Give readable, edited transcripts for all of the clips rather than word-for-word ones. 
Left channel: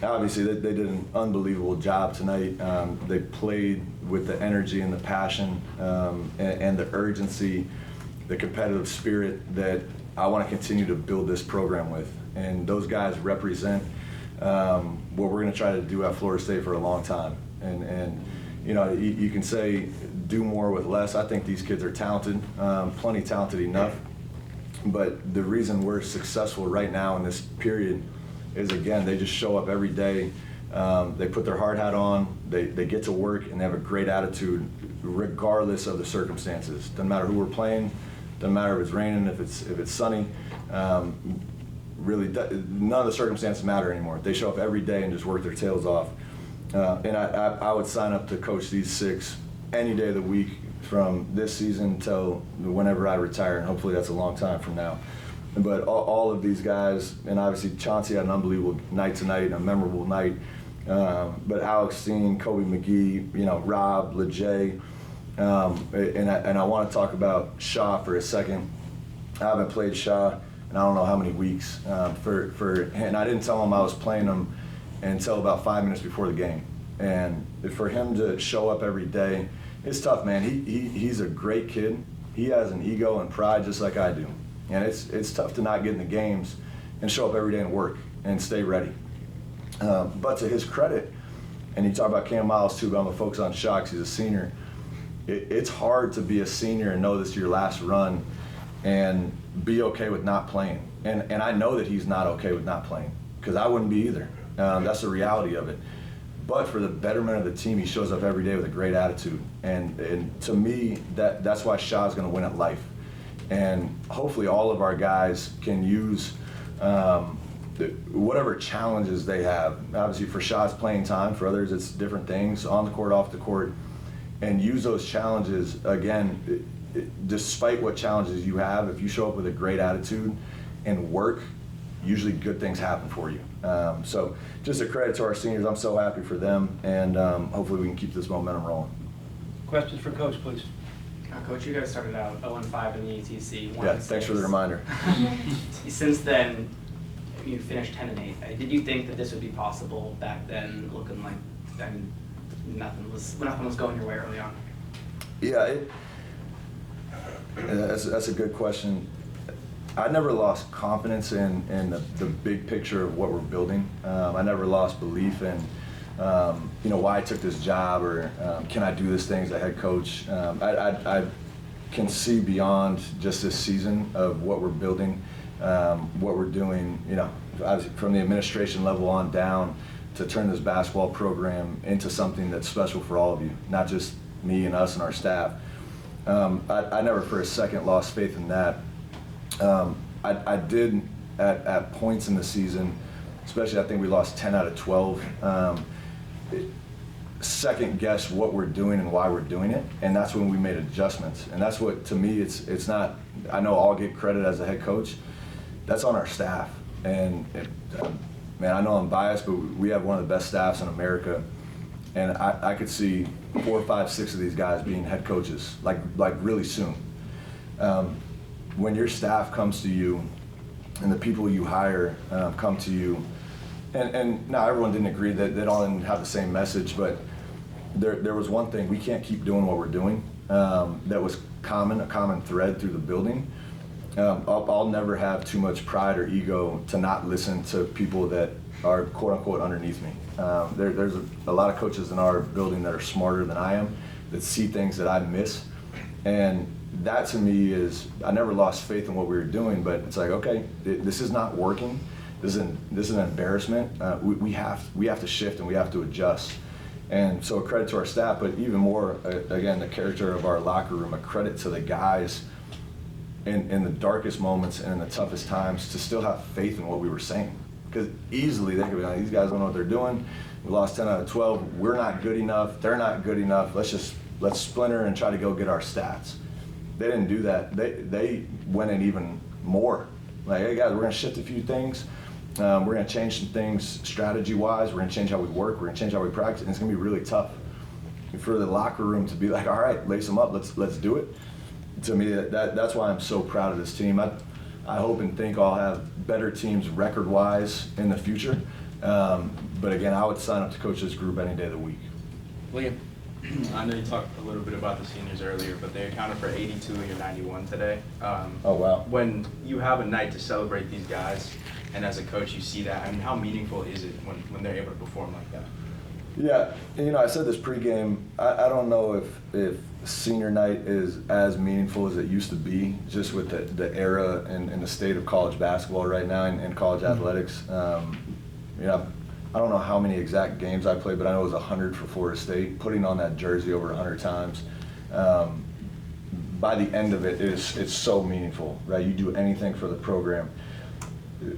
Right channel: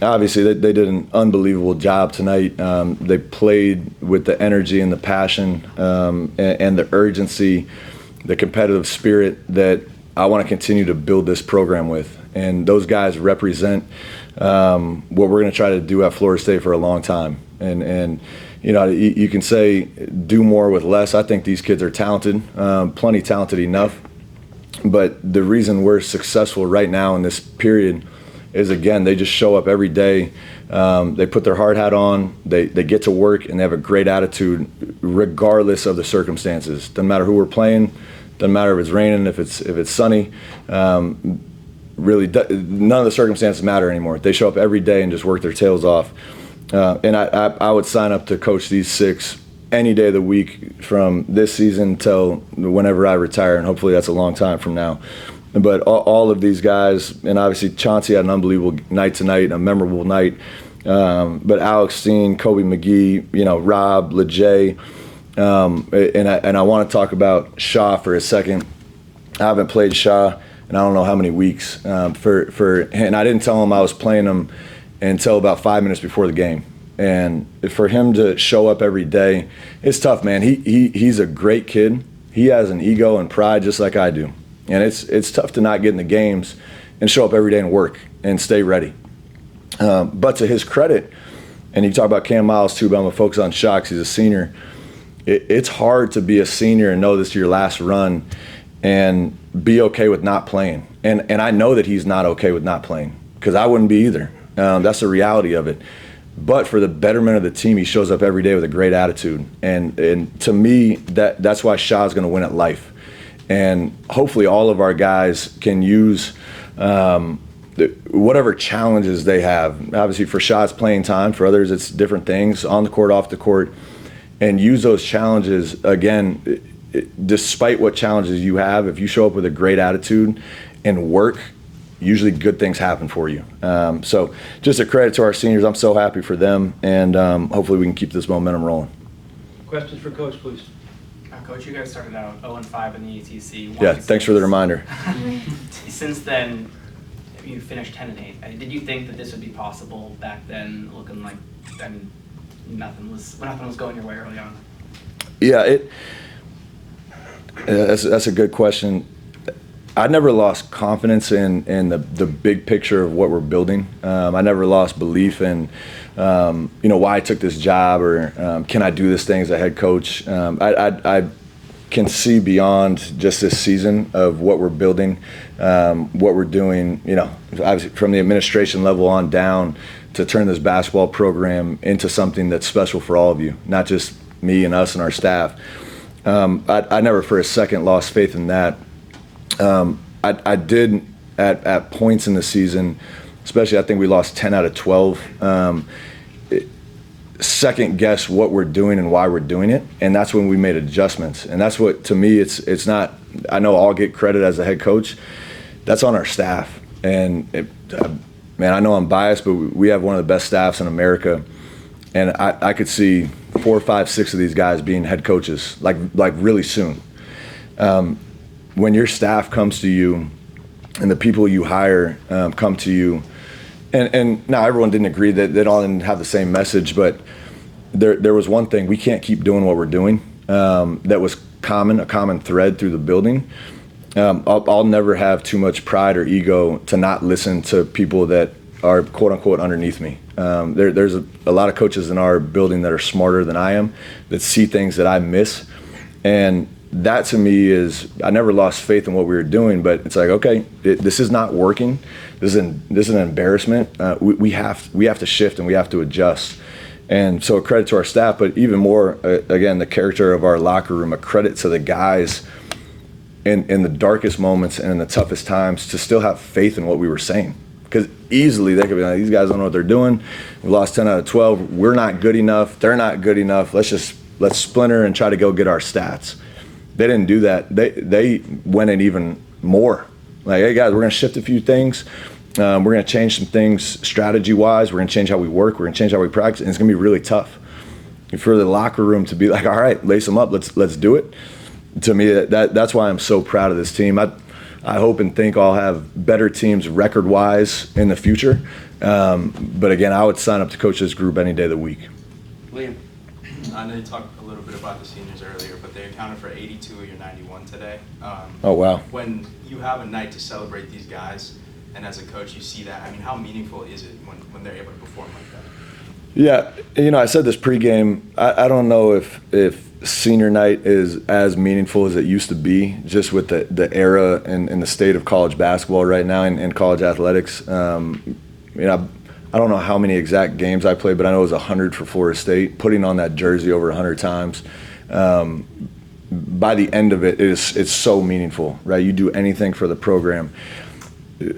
Obviously, they did an unbelievable job tonight. They played with the energy and the passion and the urgency, the competitive spirit that I want to continue to build this program with. And those guys represent what we're going to try to do at Florida State for a long time. And you know, you can say do more with less. I think these kids are talented, plenty talented enough. But the reason we're successful right now in this period is, again, they just show up every day. They put their hard hat on, they get to work, and they have a great attitude regardless of the circumstances. Doesn't matter who we're playing, doesn't matter if it's raining, if it's sunny. Really, none of the circumstances matter anymore. They show up every day and just work their tails off. And I would sign up to coach these six any day of the week from this season till whenever I retire, and hopefully that's a long time from now. But all of these guys, and obviously Chauncey had an unbelievable night tonight, a memorable night. But Alex Steen, Kobe McGee, you know, Rob, Lejay, and I want to talk about Shaw for a second. I haven't played Shaw in I don't know how many weeks. And I didn't tell him I was playing him until about 5 minutes before the game. And for him to show up every day, it's tough, man. He's a great kid. He has an ego and pride just like I do. And it's tough to not get in the games and show up every day and work and stay ready. But to his credit, and you talk about Cam Miles too, but I'm going to focus on Shocks. He's a senior. It's hard to be a senior and know this is your last run and be okay with not playing. And I know that he's not okay with not playing because I wouldn't be either. That's the reality of it. But for the betterment of the team, he shows up every day with a great attitude. And to me, that's why Shaw's going to win at life. And hopefully all of our guys can use whatever challenges they have. Obviously for Shaw's playing time, for others it's different things, on the court, off the court, and use those challenges, again, despite what challenges you have, if you show up with a great attitude and work, usually good things happen for you. So just a credit to our seniors. I'm so happy for them, and hopefully we can keep this momentum rolling. Questions for Coach, please. Coach, you guys started out 0-5 in the ACC. Yeah, thanks for the reminder. Since then, you finished 10-8. Did you think that this would be possible back then, looking like nothing was going your way early on? Yeah, that's a good question. I never lost confidence in the big picture of what we're building. I never lost belief in why I took this job or can I do this thing as a head coach. I can see beyond just this season of what we're building, what we're doing, obviously from the administration level on down to turn this basketball program into something that's special for all of you, not just me and us and our staff. I never for a second lost faith in that. I did at points in the season, especially I think we lost 10 out of 12, second guess what we're doing and why we're doing it, and that's when we made adjustments. And that's what, to me, it's not, I know I'll get credit as a head coach, that's on our staff. And man, I know I'm biased, but we have one of the best staffs in America, and I could see 4, 5, 6 of these guys being head coaches like really soon. When your staff comes to you and the people you hire come to you, and now everyone didn't agree that they all didn't have the same message, but there was one thing: we can't keep doing what we're doing. That was a common thread through the building. I'll never have too much pride or ego to not listen to people that are quote unquote underneath me. There's a lot of coaches in our building that are smarter than I am, that see things that I miss, and that to me is, I never lost faith in what we were doing, but it's like, okay, this is not working. This is an embarrassment. We have to shift and we have to adjust. And so a credit to our staff, but even more, again, the character of our locker room, a credit to the guys in the darkest moments and in the toughest times to still have faith in what we were saying. Because easily they could be like, these guys don't know what they're doing. We lost 10 out of 12. We're not good enough. They're not good enough. Let's splinter and try to go get our stats. They didn't do that. They went in even more. Like, hey guys, we're gonna shift a few things. We're gonna change some things strategy-wise. We're gonna change how we work. We're gonna change how we practice, and it's gonna be really tough. For the locker room to be like, all right, lace them up. Let's do it. To me, that's why I'm so proud of this team. I hope and think I'll have better teams record-wise in the future. But again, I would sign up to coach this group any day of the week. Liam, I know you talked a little bit about the seniors earlier, but they accounted for 82 of your 91 today. Oh, wow. When you have a night to celebrate these guys, and as a coach you see that, I mean, how meaningful is it when they're able to perform like that? Yeah, I said this pregame. I don't know if senior night is as meaningful as it used to be, just with the era and the state of college basketball right now and college athletics. I don't know how many exact games I played, but I know it was 100 for Florida State. Putting on that jersey over 100 times, by the end of it, it's so meaningful, right? You do anything for the program.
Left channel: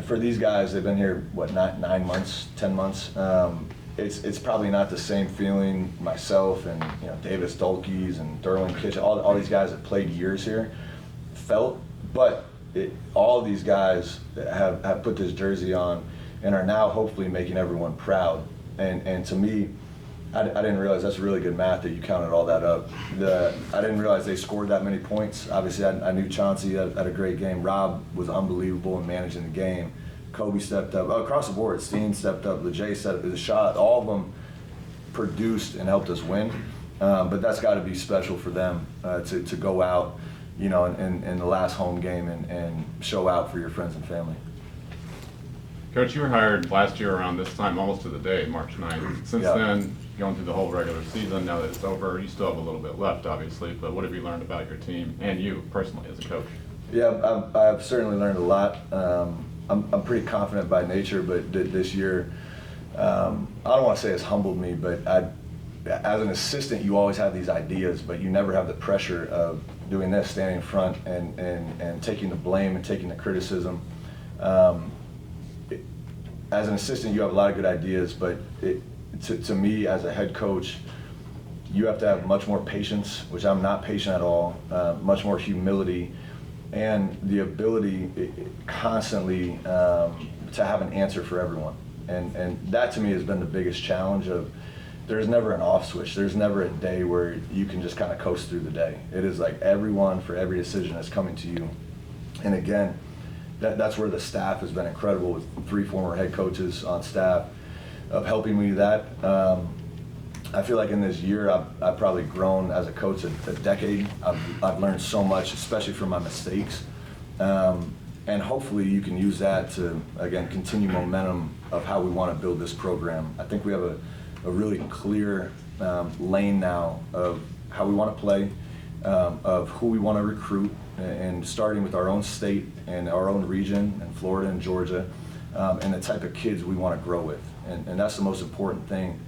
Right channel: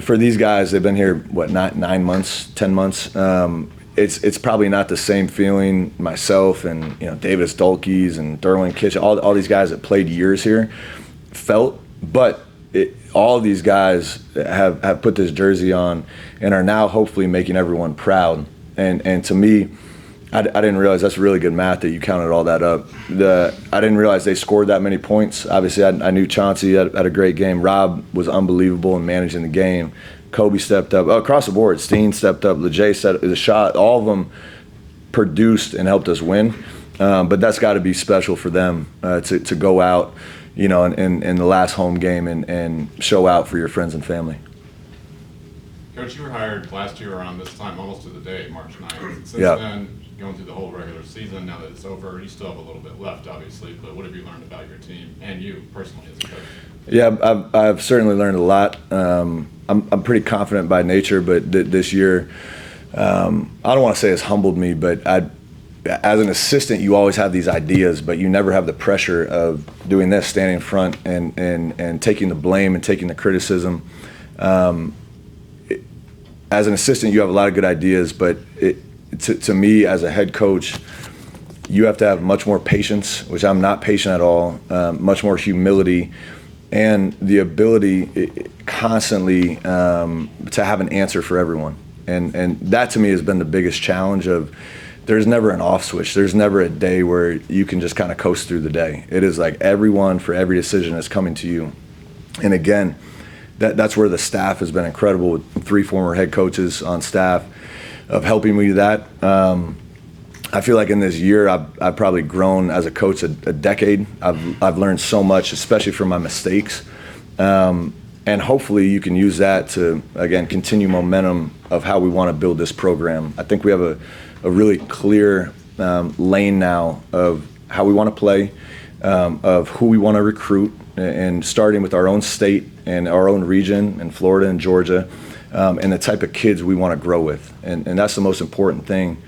For these guys, they've been here, 9 months, 10 months. It's probably not the same feeling myself and Davis Dulkes and Derwin Kitchen, all these guys that played years here felt, but all of these guys have put this jersey on and are now hopefully making everyone proud. And to me, I didn't realize, that's really good math that you counted all that up. I didn't realize they scored that many points. Obviously, I knew Chauncey had a great game. Rob was unbelievable in managing the game. Kobe stepped up. Across the board, Steen stepped up. LeJay set the shot. All of them produced and helped us win. But that's got to be special for them to go out, in the last home game and show out for your friends and family. Coach, you were hired last year around this time, almost to the day, March 9th. Since Yeah. then, going through the whole regular season, now that it's over, you still have a little bit left, obviously, but what have you learned about your team and you personally as a coach? Yeah, I've certainly learned a lot. I'm pretty confident by nature, but this year, I don't want to say it's humbled me, but as an assistant, you always have these ideas, but you never have the pressure of doing this, standing in front and taking the blame and taking the criticism. As an assistant, you have a lot of good ideas, but to me, as a head coach, you have to have much more patience, which I'm not patient at all, much more humility, and the ability constantly to have an answer for everyone. And that to me has been the biggest challenge of, there's never an off switch. There's never a day where you can just kind of coast through the day. It is like everyone for every decision is coming to you. And again, that's where the staff has been incredible, with 3 former head coaches on staff of helping me do that. I feel like in this year, I've probably grown as a coach a decade. I've learned so much, especially from my mistakes. And hopefully you can use that to, again, continue momentum of how we want to build this program. I think we have a really clear lane now of how we want to play, of who we want to recruit, and starting with our own state and our own region in Florida and Georgia, and the type of kids we want to grow with. And that's the most important thing.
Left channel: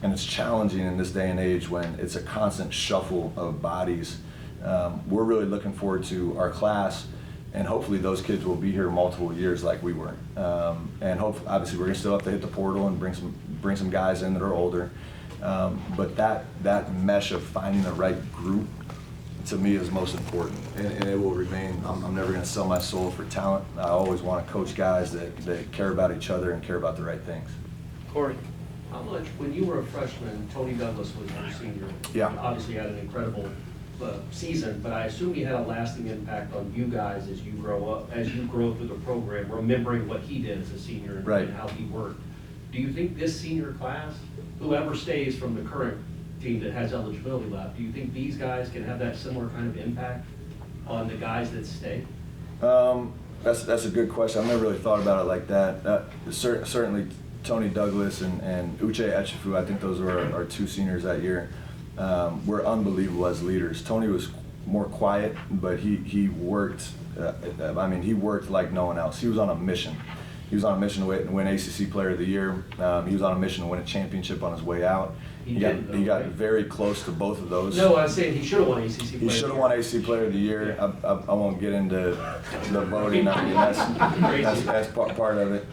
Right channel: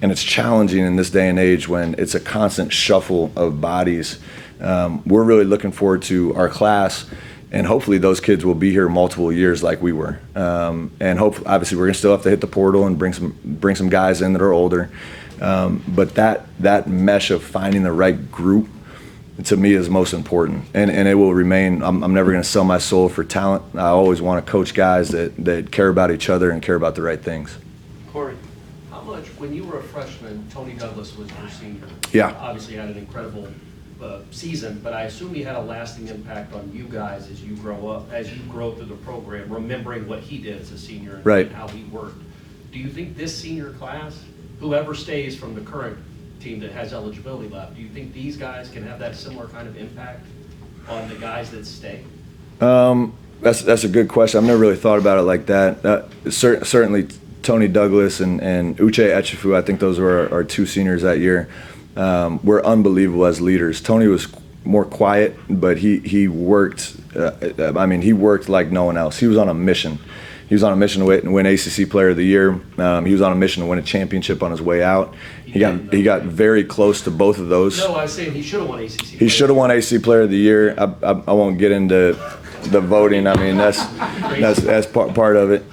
And it's challenging in this day and age when it's a constant shuffle of bodies. We're really looking forward to our class, and hopefully those kids will be here multiple years like we were. And obviously we're gonna still have to hit the portal and bring some guys in that are older. But that mesh of finding the right group, to me, is most important, and it will remain. I'm never going to sell my soul for talent. I always want to coach guys that care about each other and care about the right things. Corey. How much, when you were a freshman, Tony Douglas was your senior? Yeah. Obviously had an incredible season, but I assume he had a lasting impact on you guys as you grow up, as you grow through the program, remembering what he did as a senior and Right. how he worked. Do you think this senior class, whoever stays from the current team that has eligibility left, do you think these guys can have that similar kind of impact on the guys that stay? That's a good question. I've never really thought about it like that. Certainly Tony Douglas and Uche Echefu, I think those were our 2 seniors that year, were unbelievable as leaders. Tony was more quiet, but he worked. He worked like no one else. He was on a mission. He was on a mission to win ACC Player of the Year. He was on a mission to win a championship on his way out. He got very close to both of those. No, I was saying he should have won ACC. He should have won ACC Player of the Year. I won't get into the voting. I mean, that's part of it.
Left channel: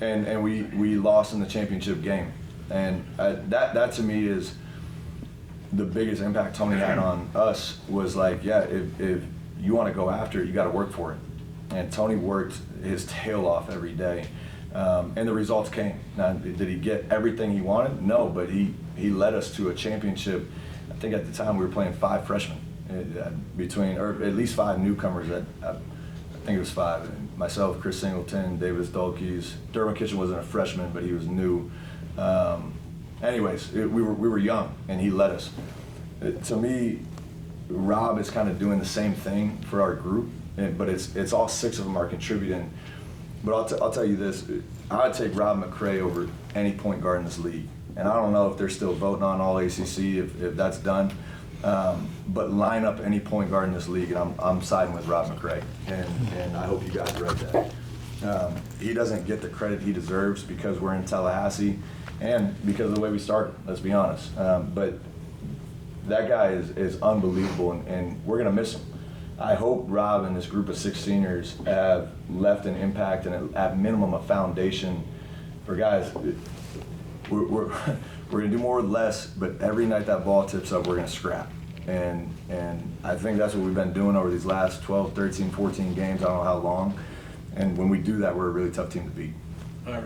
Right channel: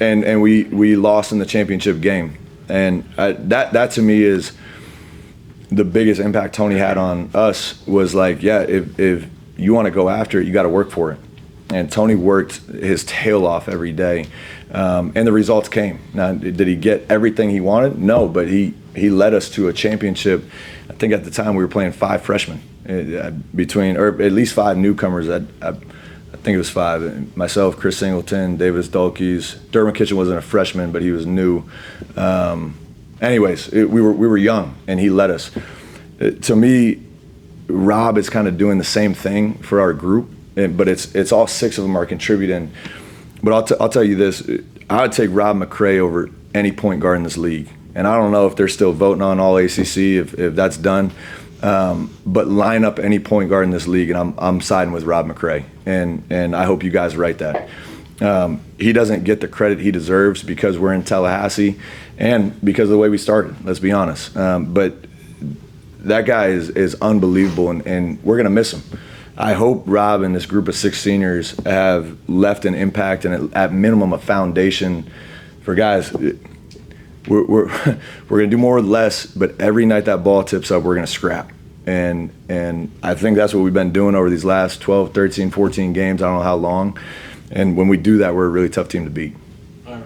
And we lost in the championship game. And that to me is the biggest impact Tony had on us. Was like, yeah, if you want to go after it, you got to work for it. And Tony worked his tail off every day, and the results came. Now, did he get everything he wanted? No, but he led us to a championship. I think at the time we were playing 5 freshmen, or at least 5 newcomers. think it was 5. Myself, Chris Singleton, Davis Dulkes. Derwin Kitchen wasn't a freshman, but he was new. We were young, and he led us. To me, Rob is kind of doing the same thing for our group, but it's all 6 of them are contributing. But I'll tell you this, I would take Rob McCray over any point guard in this league. And I don't know if they're still voting on all ACC, if that's done. But line up any point guard in this league, and I'm siding with Rob McCray. And I hope you guys write that. He doesn't get the credit he deserves because we're in Tallahassee and because of the way we started, let's be honest. But that guy is unbelievable, and we're going to miss him. I hope Rob and this group of 6 seniors have left an impact and at minimum a foundation for guys. We're going to do more with less, but every night that ball tips up, we're going to scrap. And I think that's what we've been doing over these last 12, 13, 14 games. I don't know how long. And when we do that, we're a really tough team to beat. All right.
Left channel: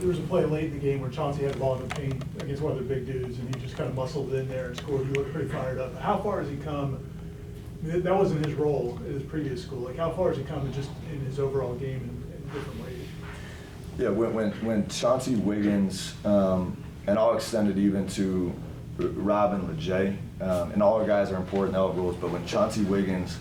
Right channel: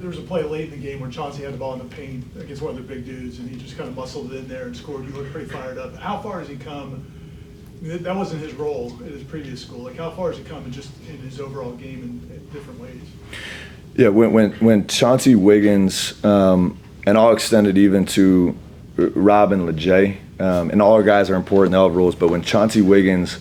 There was a play late in the game where Chauncey had the ball in the paint against one of the big dudes, and he just kind of muscled it in there and scored. You looked pretty fired up. How far has he come? I mean, that wasn't his role at his previous school. Like, how far has he come just in his overall game in different ways? Yeah, when Chauncey Wiggins, and I'll extend it even to Rob and LeJay, and all our guys are important, they all have rules, but when Chauncey Wiggins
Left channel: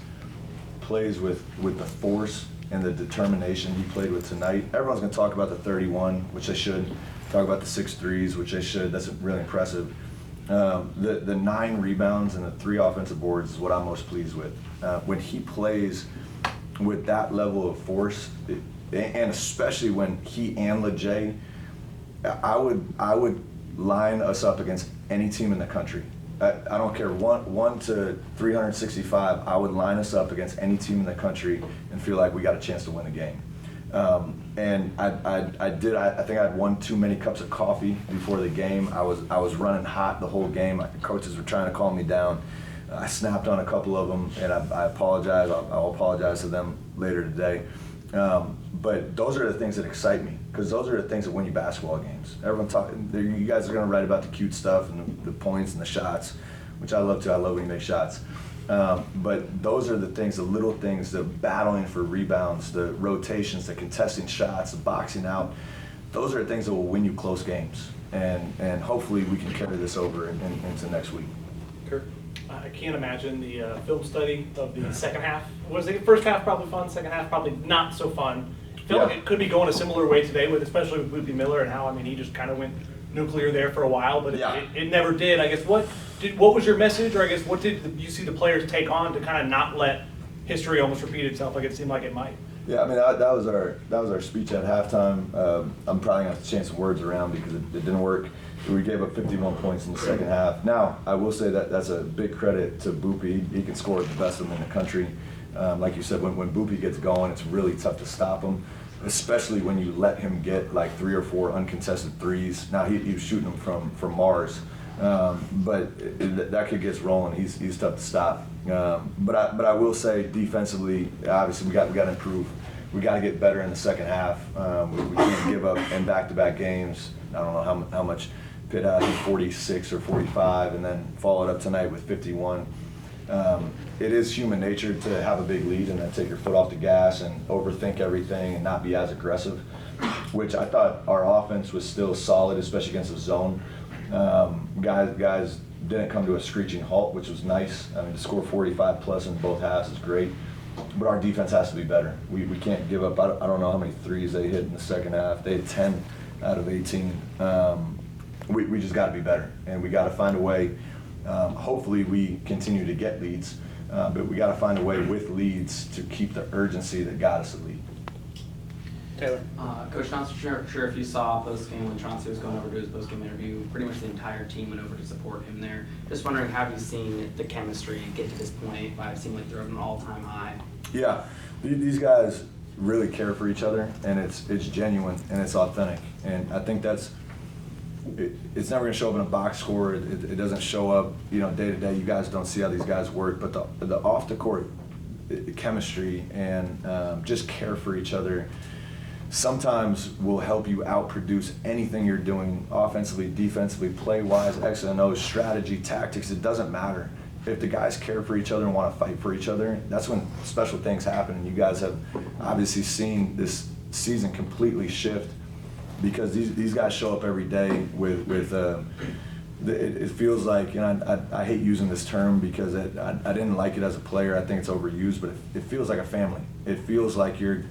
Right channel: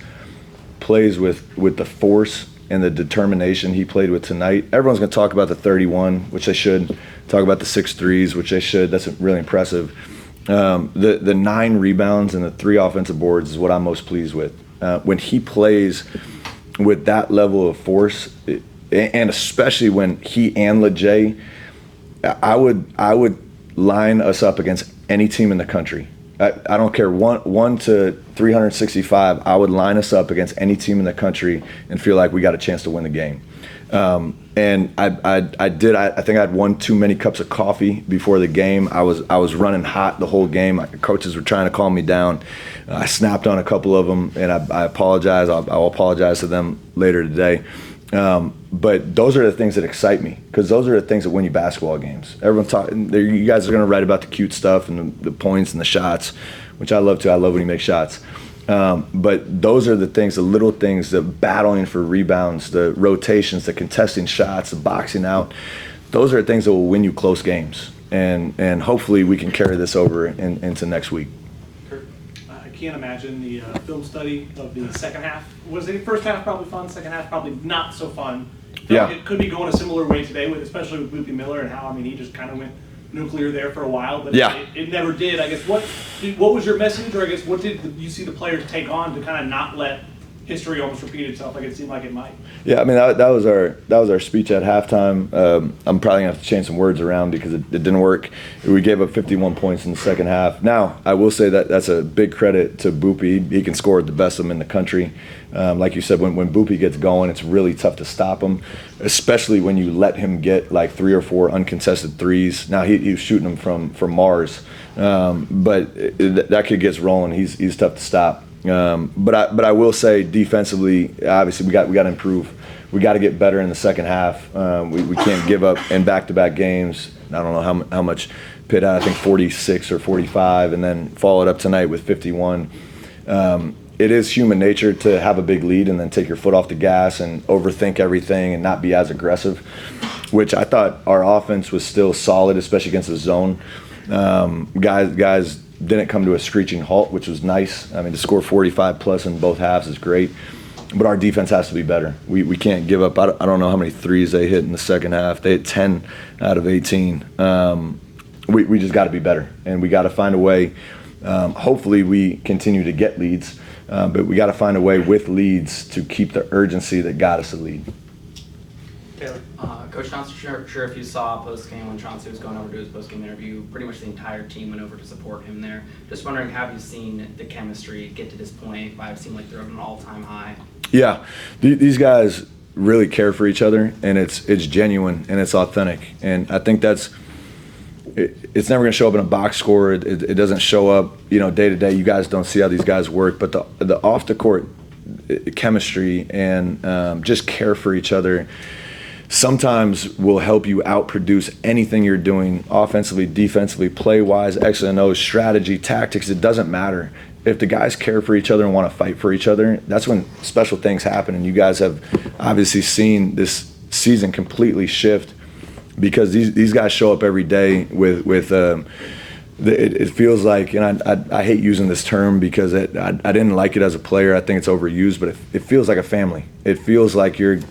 plays with the force and the determination he played with tonight, everyone's going to talk about the 31, which they should, talk about the 6 threes, which they should. That's really impressive. The 9 rebounds and the 3 offensive boards is what I'm most pleased with. When he plays with that level of force, and especially when he and LeJay, I would line us up against any team in the country. I don't care, 1 to 365, I would line us up against any team in the country and feel like we got a chance to win the game. And I think I had 1 too many cups of coffee before the game. I was running hot the whole game. Coaches were trying to calm me down. I snapped on a couple of them, and I apologize. I'll apologize to them later today. But those are the things that excite me, because those are the things that win you basketball games. You guys are going to write about the cute stuff and the points and the shots, which I love too. I love when you make shots. But those are the things, the little things, the battling for rebounds, the rotations, the contesting shots, the boxing out. Those are the things that will win you close games. And hopefully we can carry this over into next week. Kurt, I can't imagine the film study of the second half. Was the first half probably fun, second half probably not so fun? Yeah. It could be going a similar way today, especially with Boopy Miller and how, he just kind of went nuclear there for a while, but yeah. it never did. I guess what was your message, or I guess what did you see the players take on to kind of not let history almost repeat itself like it seemed like it might? Yeah, that was our speech at halftime. I'm probably gonna have to change some words around because it didn't work. We gave up 51 points in the second half. Now I will say that's a big credit to Boopy. He can score the best of them in the country. Like you said, when Boopy gets going, it's really tough to stop him, especially when you let him get like 3 or 4 uncontested threes. Now he was shooting them from Mars, but that kid gets rolling. He's tough to stop. But I will say defensively, obviously we got to improve. We got to get better in the second half. We can't give up in back-to-back games. I don't know how much Pitt had, I think 46 or 45, and then followed up tonight with 51. It is human nature to have a big lead and then take your foot off the gas and overthink everything and not be as aggressive, which I thought our offense was still solid, especially against the zone. Guys didn't come to a screeching halt, which was nice. To score 45 plus in both halves is great, but our defense has to be better. We can't give up. I don't know how many threes they hit in the second half. They hit 10 out of 18. We just got to be better, and we got to find a way. Hopefully we continue to get leads, but we got to find a way with leads to keep the urgency that got us the lead. Taylor. Coach Johnson, sure if you saw post-game when Chauncey was going over to his post-game interview, pretty much the entire team went over to support him there. Just wondering, have you seen the chemistry get to this point? I've seen like they're at an all-time high. Yeah, these guys really care for each other, and it's genuine and it's authentic, and I think it's never going to show up in a box score. It doesn't show up, day to day. You guys don't see how these guys work, but the off the court chemistry and just care for each other sometimes will help you outproduce anything you're doing offensively, defensively, play-wise, X and O, strategy, tactics. It doesn't matter. if the guys care for each other and want to fight for each other, that's when special things happen. And you guys have obviously seen this season completely shift because these guys show up every day with it feels like, and I hate using this term because I didn't like it as a player. I think it's overused, but it feels like a family. It feels like you're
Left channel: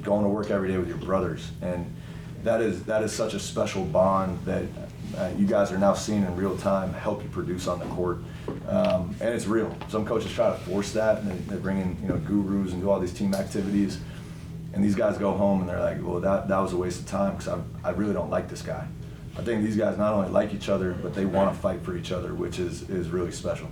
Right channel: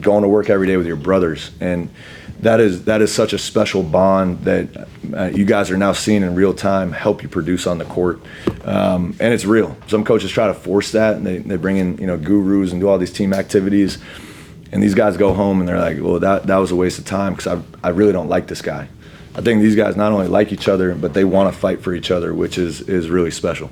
going to work every day with your brothers, and that is such a special bond that you guys are now seeing in real time help you produce on the court, and it's real. Some coaches try to force that, and they bring in gurus and do all these team activities, and these guys go home and they're like, well, that was a waste of time because I really don't like this guy. I think these guys not only like each other, but they want to fight for each other, which is really special.